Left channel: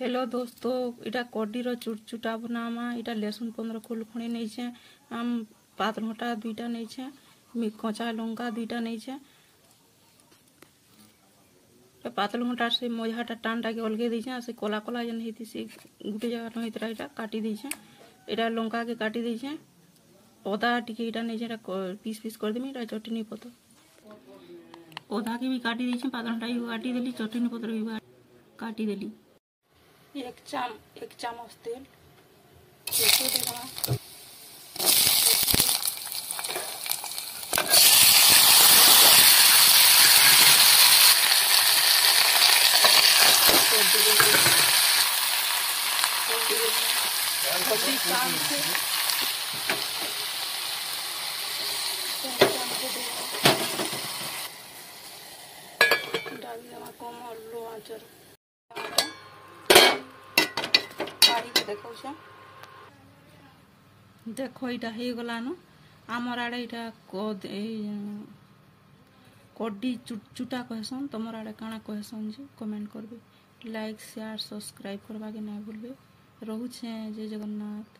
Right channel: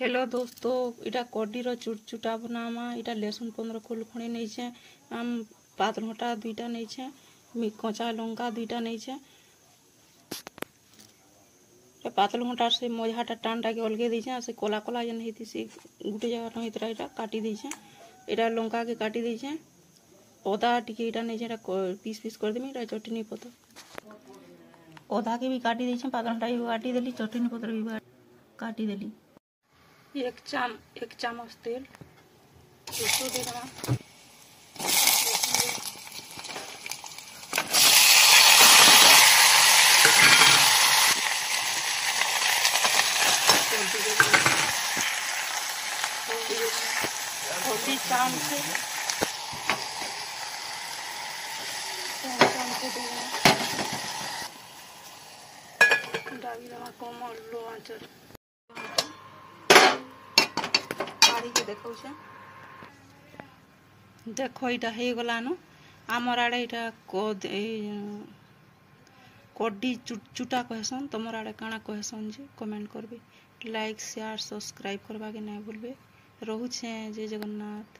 Hello दोस्तों, इटा कड्डीर चुटचुटा बनामा। इटा लहसुन 15 खोल खणी नहीं आम पातलघटा 2टा नहीं कचा लंका 2टा नहीं पातलघटा से मझाटा टाणटा के अलगे देछे से कला कला जेन हेती से गुटे जगह नहीं तरा इटा काटी देछे। इटा लंका के काटी देछे। अदा टिके इटा नहीं इटा पीस पीस कर देमी। इटा चटनी पत्र अदा के भी काटी देछे। पातलघटा भी काटी देली। चटनी पत्र भी काटी देली। एक चम्मच तेल इसको दे देना। हल्दी चाम से डाली देना कम लो आंचर देख यहाँ हो गलान आमर आड़े यहाँ कड्डी चुटा कहसन। तुमर आड़े काଣା कहसन जे कमेंट करबे। लाइक शेयर सब्सक्राइब करवा के नहीं भूलबे। रोहुछे जय जगन्नाथ।